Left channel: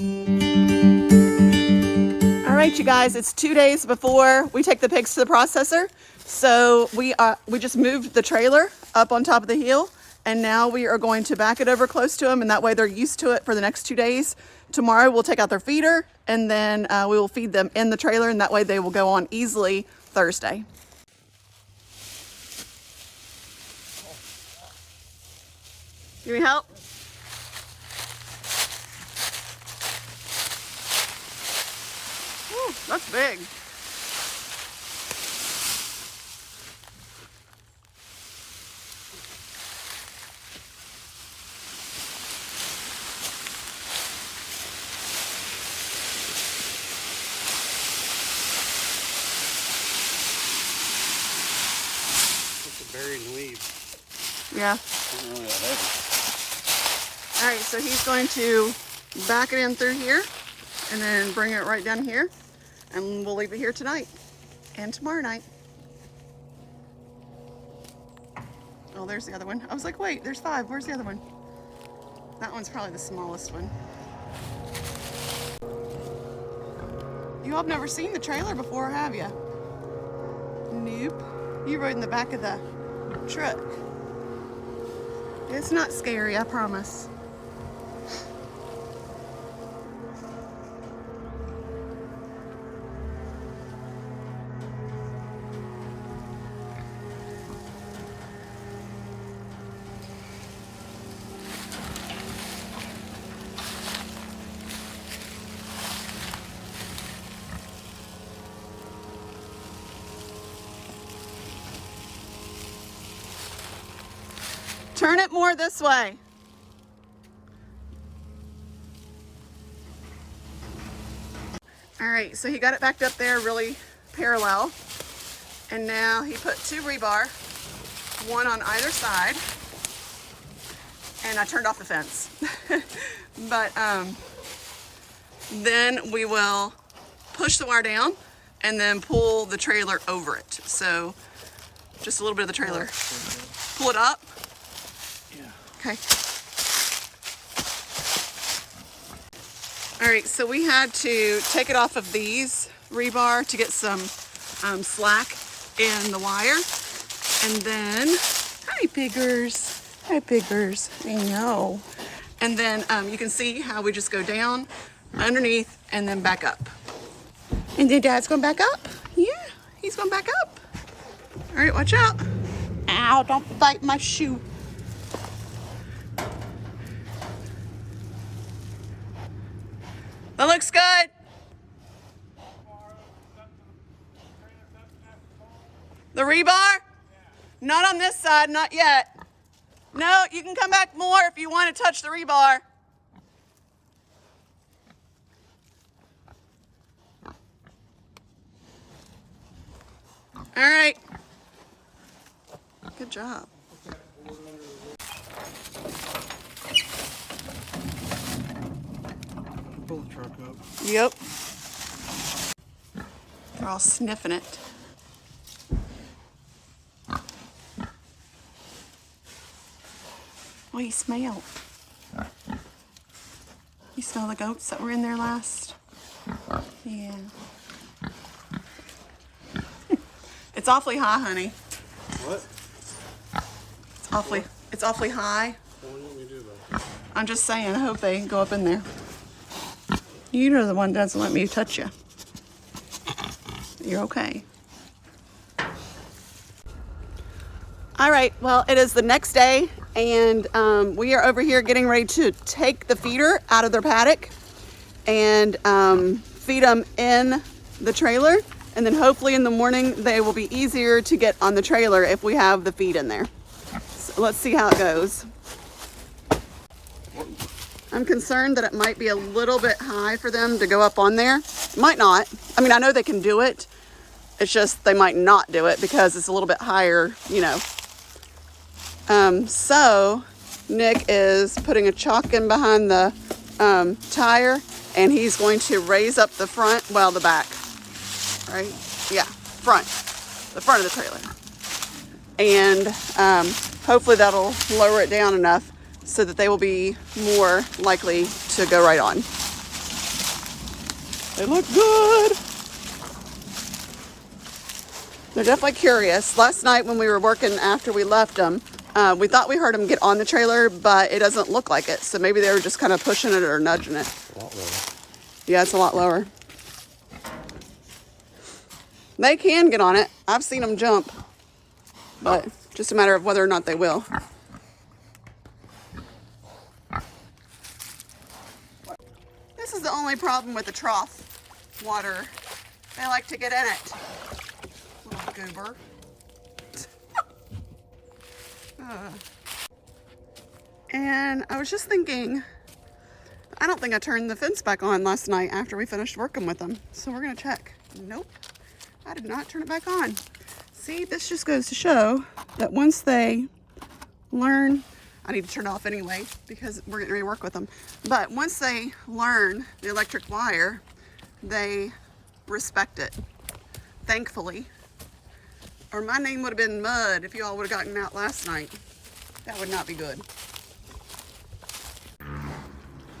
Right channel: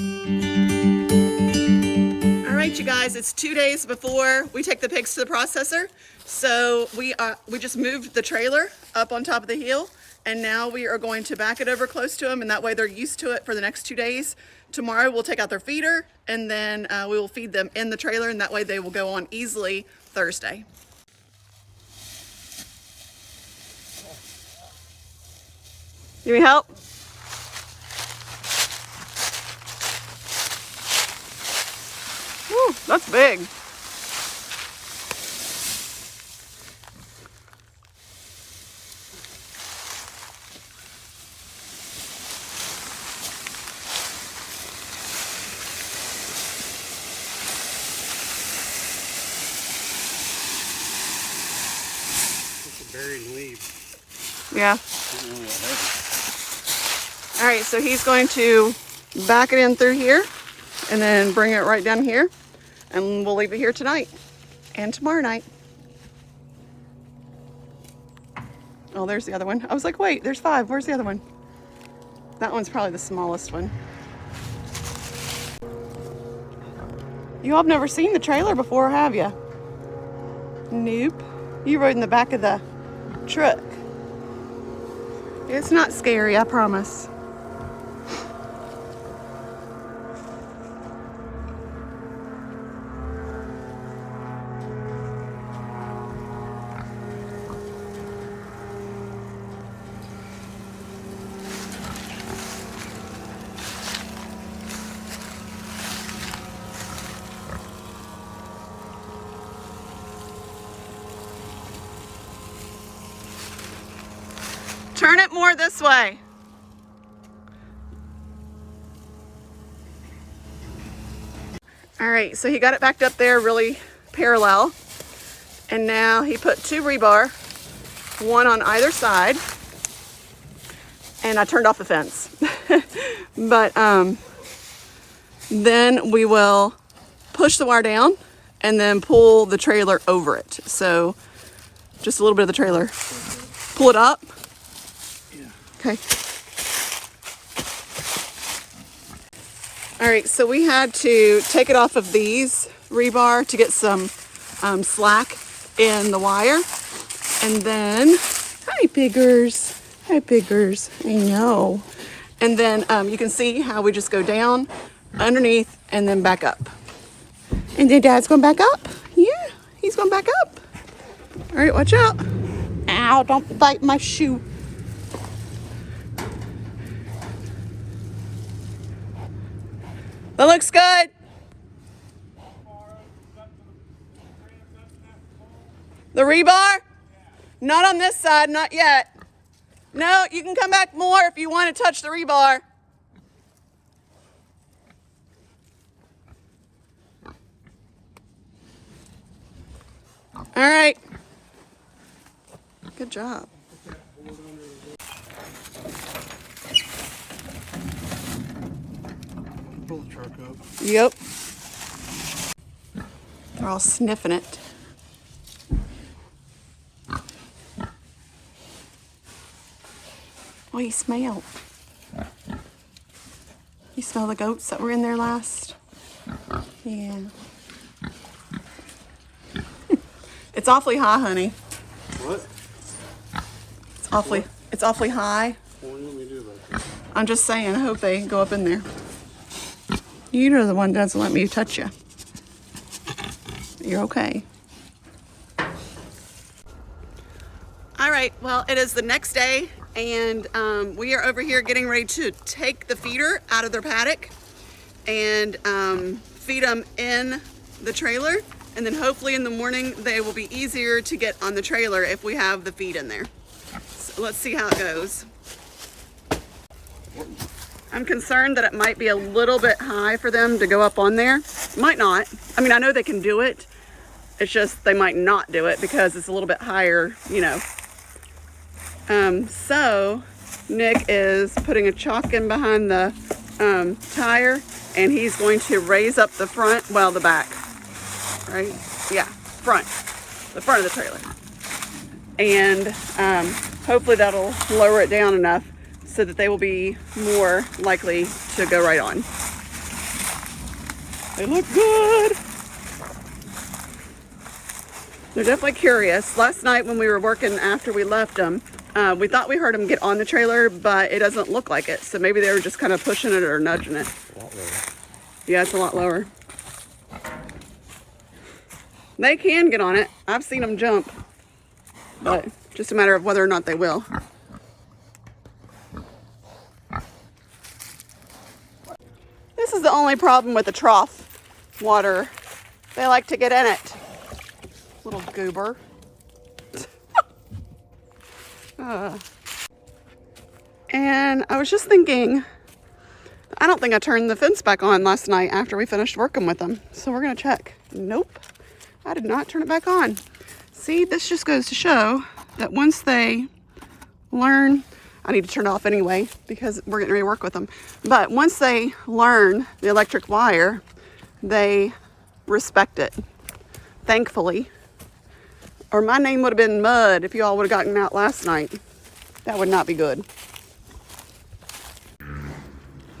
All right, you guys, it's 2 days before we take the pigs to the processor. So we just moved the trailer up on top of the hill, and now we are going to back it over close to them, and that way they're used to it for the next 2 days. Tomorrow we'll take out their feeder, and then we will feed them in the trailer, and that way they will go on easily Thursday. Need me help? Woo, that's big. Buried in leaves. Yeah. All right, so he's going to back it in through here and then bring it right down here, and we'll leave it here tonight and tomorrow night. Oh, there's the other one. I was like, wait, there's 5. Where's the other one? That one's probably the smallest one. You all have never seen the trailer before, have you? Nope. You rode in the back of the truck. It's not scary, I promise. Turn it more this way. All right, so he got it backed up there really parallel. And now he put 2 rebar, 1 on either side. And I turned off the fence. But then we will push the wire down and then pull the trailer over it. So just a little bit of the trailer. Pull it up. Okay. All right, so we had to take it off of these rebar to get some slack in the wire. And then, hi piggers, hi piggers, I know. And then you can see how we just go down, underneath, and then back up. And then Dad's going back up. Yeah, he's going back up. All right, watch out. Ow, don't bite my shoe. That looks good. The rebar? Not on this side, not yet. No, you can come back more if you want to touch the rebar. All right. Good job. Pull the truck up. Yep. They're all sniffing it. What do you smell? You smell the goats that were in there last? Yeah. It's awfully high, honey. What? It's awfully high. I'm just saying, I hope they go up in there. You're the one that doesn't let me touch you. You're okay. All right, well, it is the next day, and we are over here getting ready to take the feeder out of their paddock and feed them in the trailer. And then hopefully in the morning, they will be easier to get on the trailer if we have the feed in there. So let's see how it goes. I'm concerned that it might be a little bit high for them to go up on there. Might not. I mean, I know they can do it. It's just they might not do it because it's a little bit higher, you know. So Nick is putting a chock in behind the tire, and he's going to raise up the front, well, the back, right? Yeah, the front of the trailer. And hopefully that'll lower it down enough so that they will be more likely to go right on. They look good. They're definitely curious. Last night when we were working after we left them, we thought we heard them get on the trailer, but it doesn't look like it. So maybe they were just kind of pushing it or nudging it. Yeah, it's a lot lower. They can get on it. I've seen them jump, but just a matter of whether or not they will. This is the only problem with the trough water. They like to get in it. Little goober. And I was just thinking, I don't think I turned the fence back on last night after we finished working with them. So we're gonna check. Nope, I did not turn it back on. See, this just goes to show that once they learn, I need to turn it off anyway because we're getting ready to work with them. But once they learn the electric wire, they respect it, thankfully. Or my name would have been Mud if you all would have gotten out last night. That would not be good.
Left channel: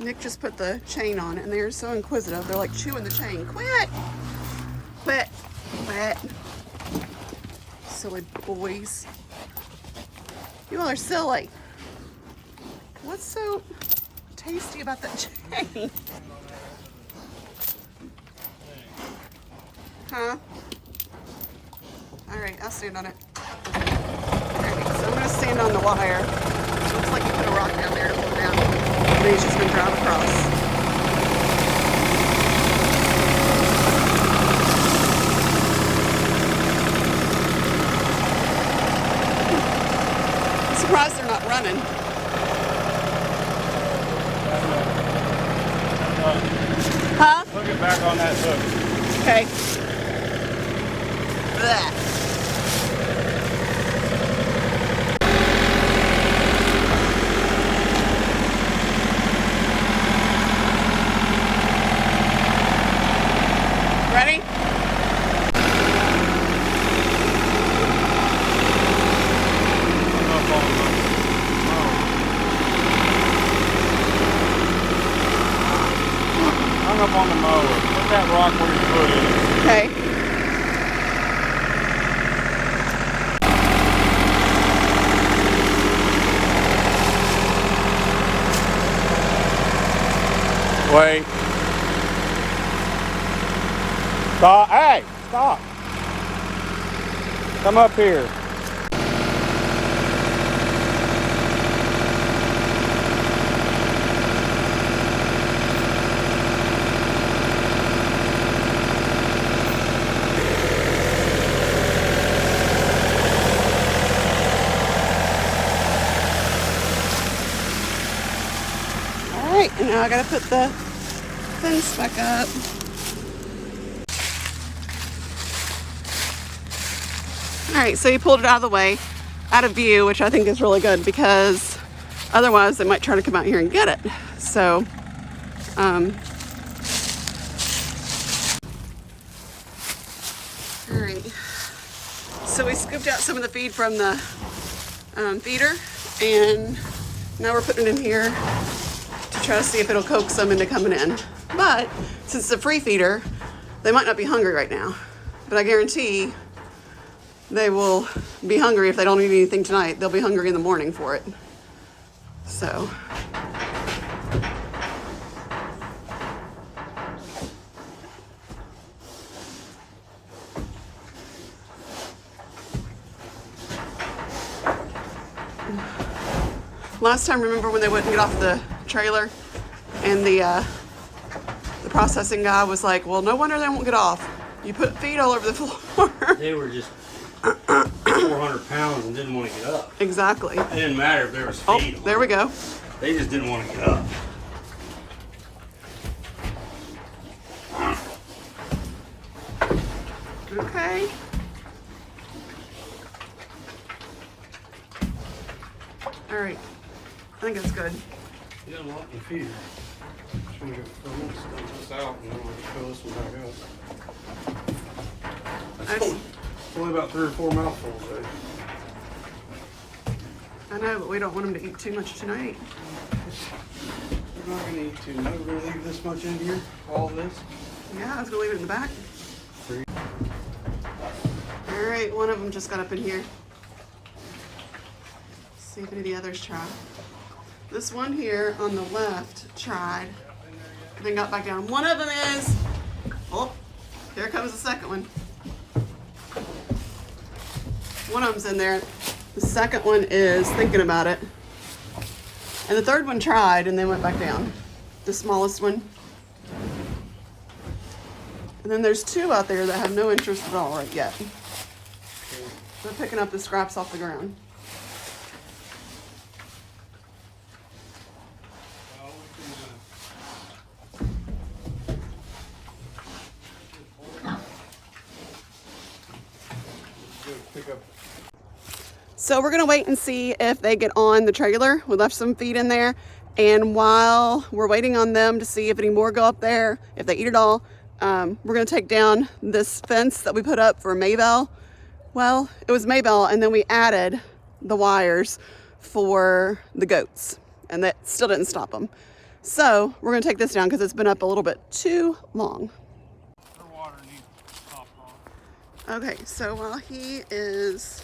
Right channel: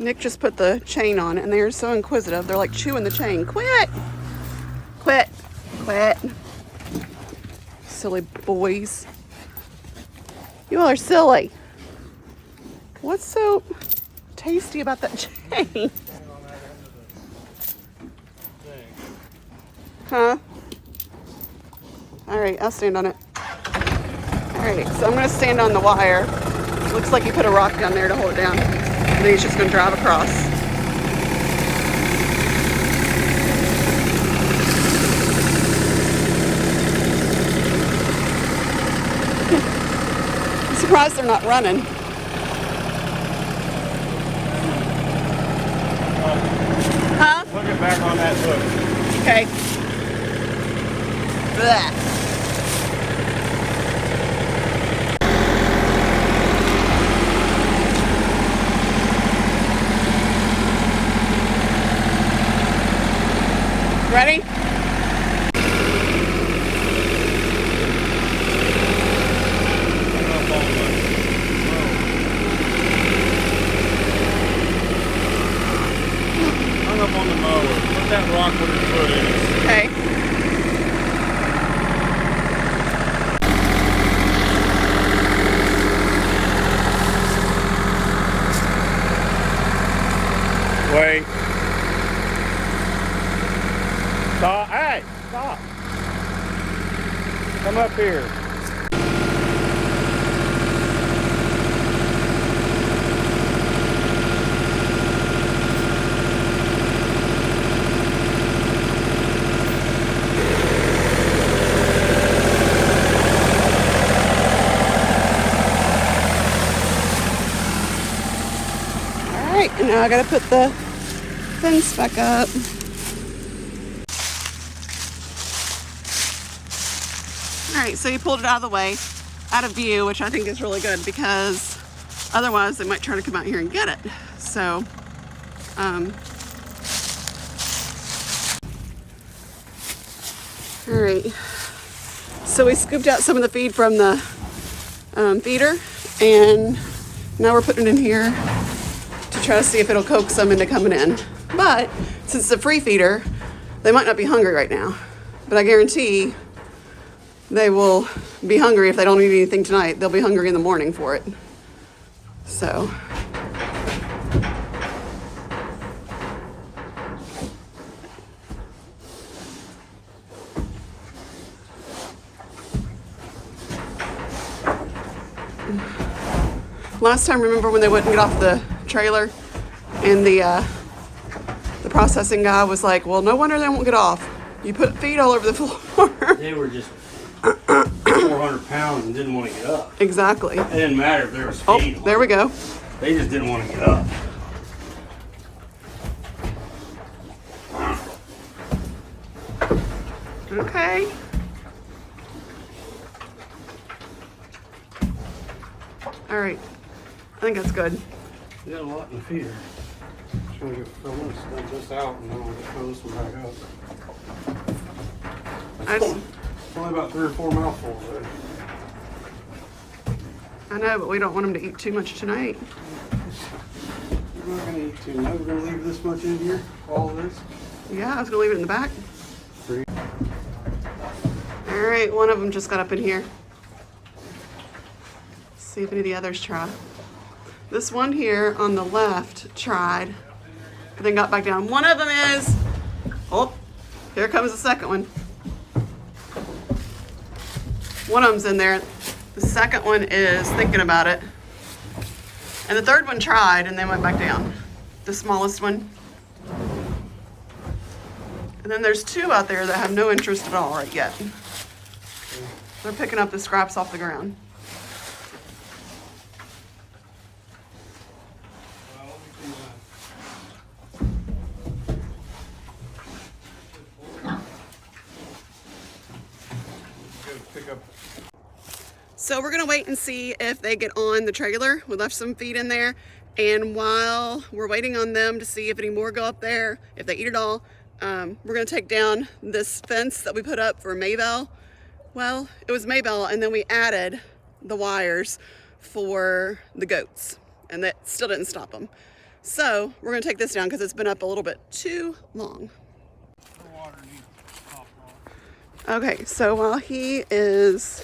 Nick just put the chain on and they're so inquisitive. They're like chewing the chain. Quit! Quit! Quit! Silly boys. You all are silly. What's so tasty about that chain? Huh? Alright, I'll stand on it. Alright, so I'm going to stand on the wire. Looks like he put a rock down there to hold it down. And then he's just going to drive across. I'm surprised they're not running. Huh? Put it back on that hook. Okay. Blech. Ready? Hung up on the mower. Put that rock where your foot is. Okay. Wait. Stop. Hey, stop. Come up here. All right, and now I gotta put the fence back up. All right, so you pulled it out of the way, out of view, which I think is really good because otherwise they might try to come out here and get it. So, all right. So we scooped out some of the feed from the feeder, and now we're putting it in here to try to see if it'll coax them into coming in. But since it's a free feeder, they might not be hungry right now, but I guarantee they will be hungry if they don't eat anything tonight. They'll be hungry in the morning for it. So. Last time, remember when they wouldn't get off the trailer and the processing guy was like, well, no wonder they won't get off. You put feed all over the floor. They were just 400 pounds and didn't want to get up. Exactly. It didn't matter if there was feed. Oh, there we go. They just didn't want to get up. Okay. All right. I think that's good. You got a lot in the feeder. I'm going to stamp this out and I'm going to throw this one back up. It's only about 3 or 4 mouthfuls there. I know, but we don't want them to eat too much tonight. We're not gonna eat too much. We're gonna leave this much in here, all of this. Yeah, I was gonna leave it in the back. Pretty. All right, one of them just got up in here. Let's see if any of the others try. This one here on the left tried, but then got back down. One of them is, oh, here comes the second one. One of them's in there. The second one is thinking about it. And the third one tried and then went back down. The smallest one. And then there's two out there that have no interest at all right yet. They're picking up the scraps off the ground. So we're gonna wait and see if they get on the trailer. We left some feed in there. And while we're waiting on them to see if any more go up there, if they eat it all, we're gonna take down this fence that we put up for MayBelle. Well, it was MayBelle, and then we added the wires for the goats, and that still didn't stop them. So we're gonna take this down because it's been up a little bit too long. The water needs to stop off. Okay, so while he is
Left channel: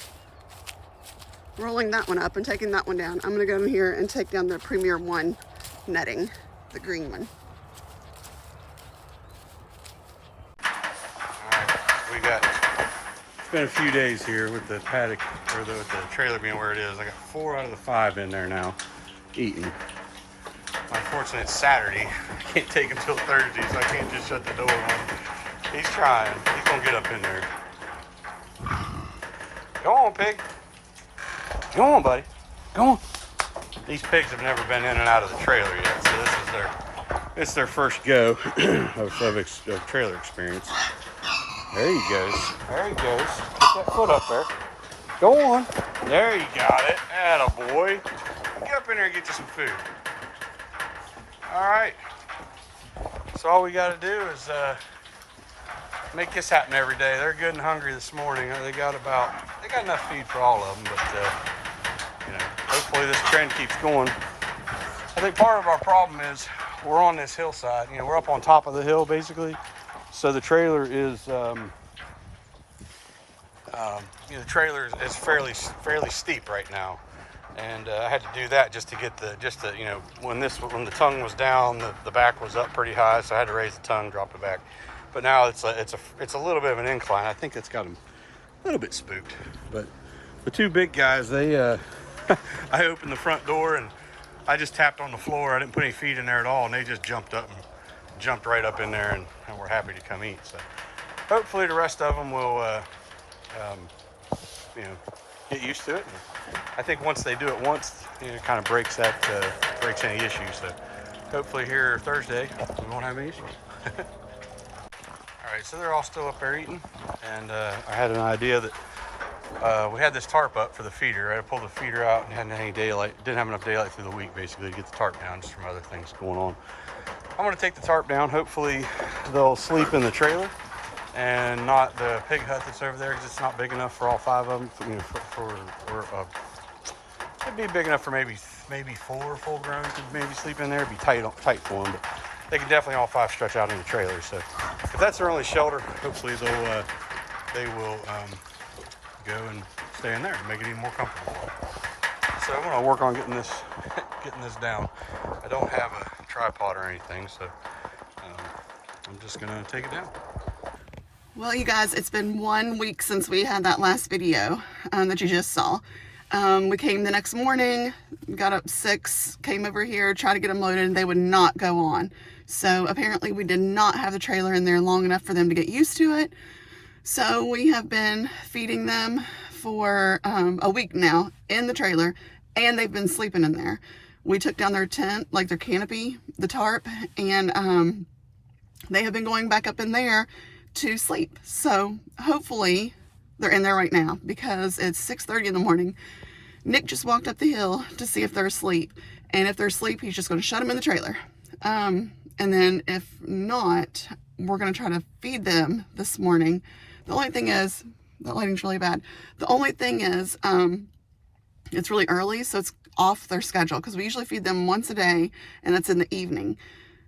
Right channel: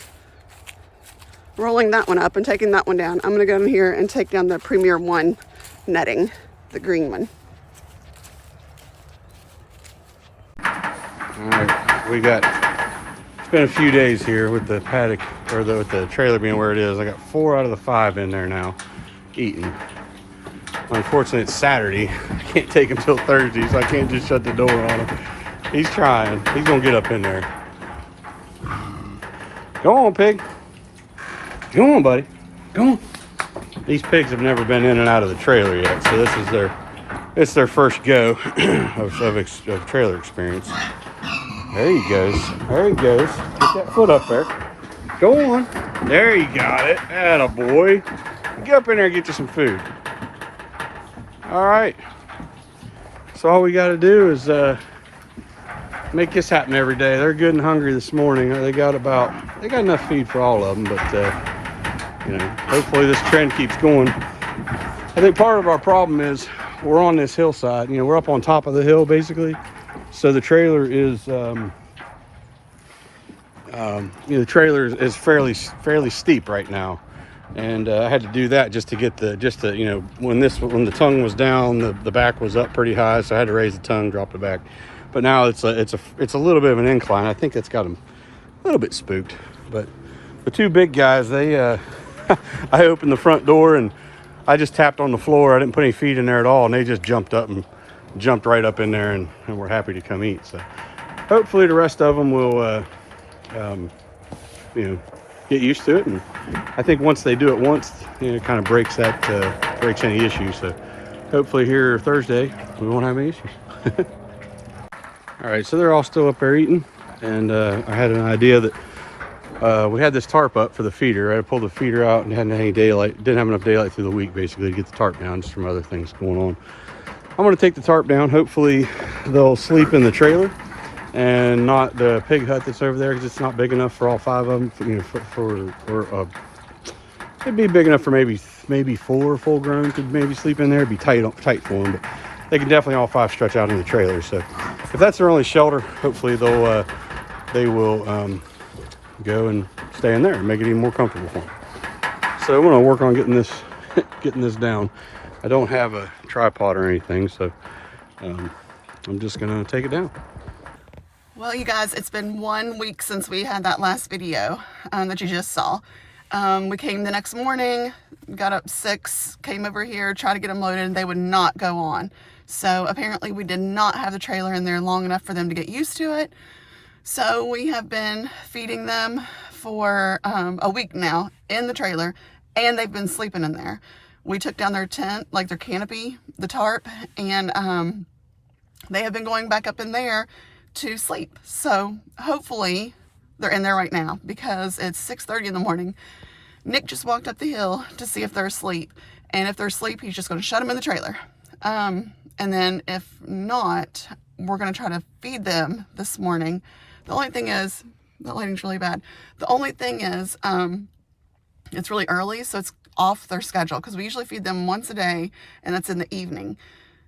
rolling that one up and taking that one down, I'm gonna go in here and take down the Premier One netting, the green one. All right, we got, it's been a few days here with the paddock, or with the trailer being where it is. I got 4 out of the 5 in there now, eating. Unfortunately, it's Saturday. I can't take him till Thursday, so I can't just shut the door on him. He's trying. He's gonna get up in there. Go on, pig. Go on, buddy. Go on. These pigs have never been in and out of the trailer yet, so it's their first go of trailer experience. There he goes. There he goes. Get that foot up there. Go on. There you got it. Attaboy. Get up in there and get you some food. All right. So all we got to do is make this happen every day. They're good and hungry this morning. They got enough feed for all of them, but you know, hopefully this trend keeps going. I think part of our problem is we're on this hillside. You know, we're up on top of the hill basically. So the trailer is, you know, the trailer is fairly steep right now, and I had to do that just to you know, when the tongue was down, the back was up pretty high, so I had to raise the tongue, drop it back. But now it's a little bit of an incline. I think that's got them a little bit spooked. But the two big guys, they I opened the front door and I just tapped on the floor. I didn't put any feed in there at all, and they just jumped right up in there, and we're happy to come eat. So hopefully the rest of them will you know, get used to it, and I think once they do it once, you know, it kind of breaks any issue. So hopefully here Thursday we won't have any issues. All right, so they're all still up there eating, and I had an idea that we had this tarp up for the feeder. I pulled the feeder out and hadn't had any daylight, didn't have enough daylight through the week basically to get the tarp down, just from other things going on. I'm gonna take the tarp down. Hopefully they'll sleep in the trailer and not the pig hut that's over there, because it's not big enough for all 5 of them. You know, it'd be big enough for maybe 4 full grown could maybe sleep in there. It'd be tight for them, but they can definitely all 5 stretch out in the trailer. So if that's their only shelter, hopefully they will go and stay in there and make it even more comfortable for them. So I'm gonna work on getting this down. I don't have a tripod or anything, so I'm just gonna take it down. Well, you guys, it's been 1 week since we had that last video that you just saw. We came the next morning, got up 6, came over here, tried to get them loaded, and they would not go on. So apparently we did not have the trailer in there long enough for them to get used to it. So we have been feeding them for a week now in the trailer, and they've been sleeping in there. We took down their tent, like their canopy, the tarp, and they have been going back up in there to sleep. So hopefully they're in there right now, because it's 6:30 in the morning. Nick just walked up the hill to see if they're asleep, and if they're asleep, he's just going to shut them in the trailer. And then if not, we're going to try to feed them this morning. The only thing is, the lighting's really bad. The only thing is, it's really early, so off their schedule because we usually feed them once a day, and that's in the evening.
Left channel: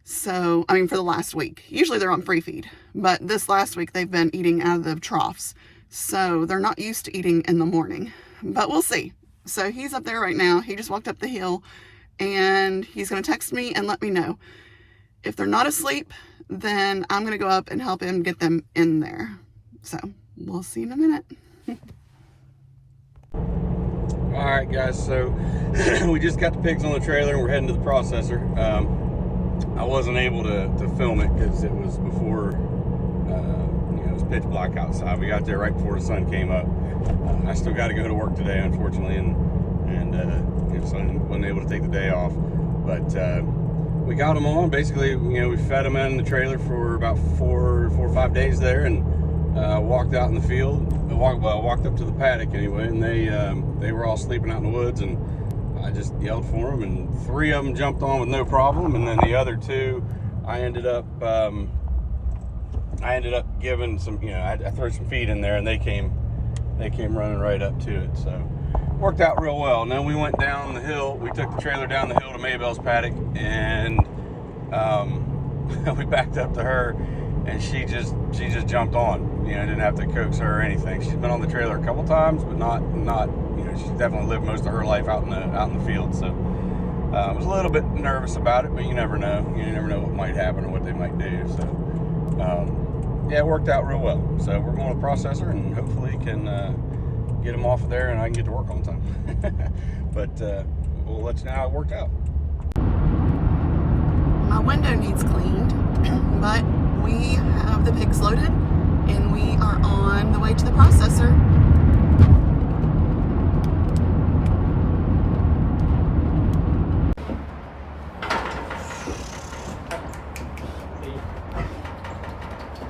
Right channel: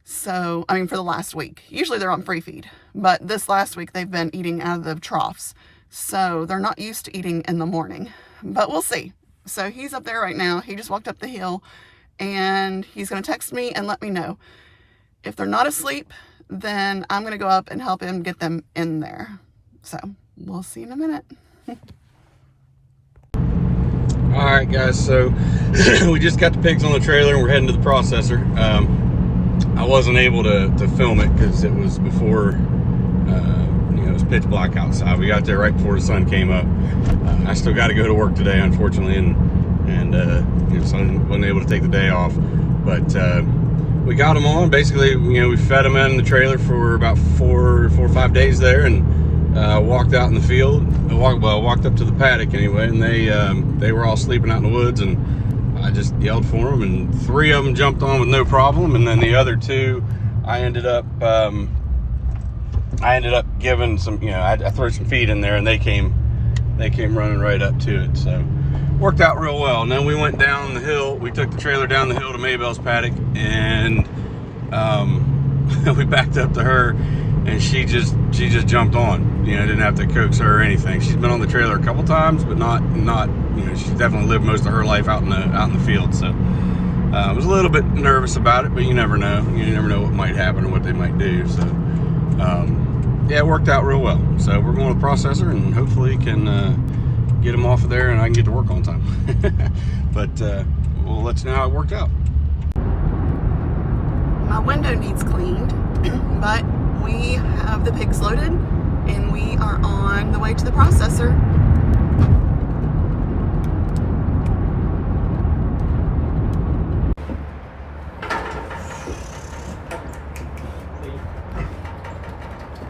So, I mean, for the last week. Usually they're on free feed, but this last week they've been eating out of the troughs. So they're not used to eating in the morning, but we'll see. So he's up there right now. He just walked up the hill, and he's going to text me and let me know. If they're not asleep, then I'm going to go up and help him get them in there. So we'll see in a minute. All right, guys, so we just got the pigs on the trailer and we're heading to the processor. I wasn't able to film it because it was before, it was pitch black outside. We got there right before the sun came up. I still got to go to work today, unfortunately, and so I wasn't able to take the day off. But we got them on. Basically, we fed them in the trailer for about four or 5 days there, and walked out in the field. Walked up to the paddock anyway, and they were all sleeping out in the woods, and I just yelled for them, and 3 of them jumped on with no problem, and then the other 2, I ended up giving some, I threw some feed in there, and they came running right up to it. So worked out real well. And then we went down the hill. We took the trailer down the hill to MayBelle's paddock, and we backed up to her, and she just jumped on. Didn't have to coax her or anything. She's been on the trailer a couple times, but not. She's definitely lived most of her life out in the field. So I was a little bit nervous about it, but you never know. You never know what might happen or what they might do. So yeah, it worked out real well. So we're going to the processor and hopefully can get them off of there, and I can get to work on time. But we'll let you know how it worked out. My window needs cleaned, but we have the pigs loaded and we are on the way to the processor.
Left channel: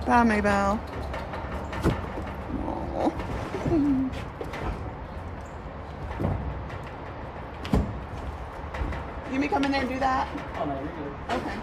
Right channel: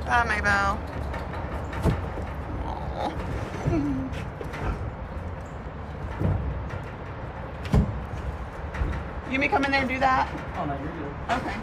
Bye, MayBelle. You may come in there and do that? Oh, no, you're good. Okay.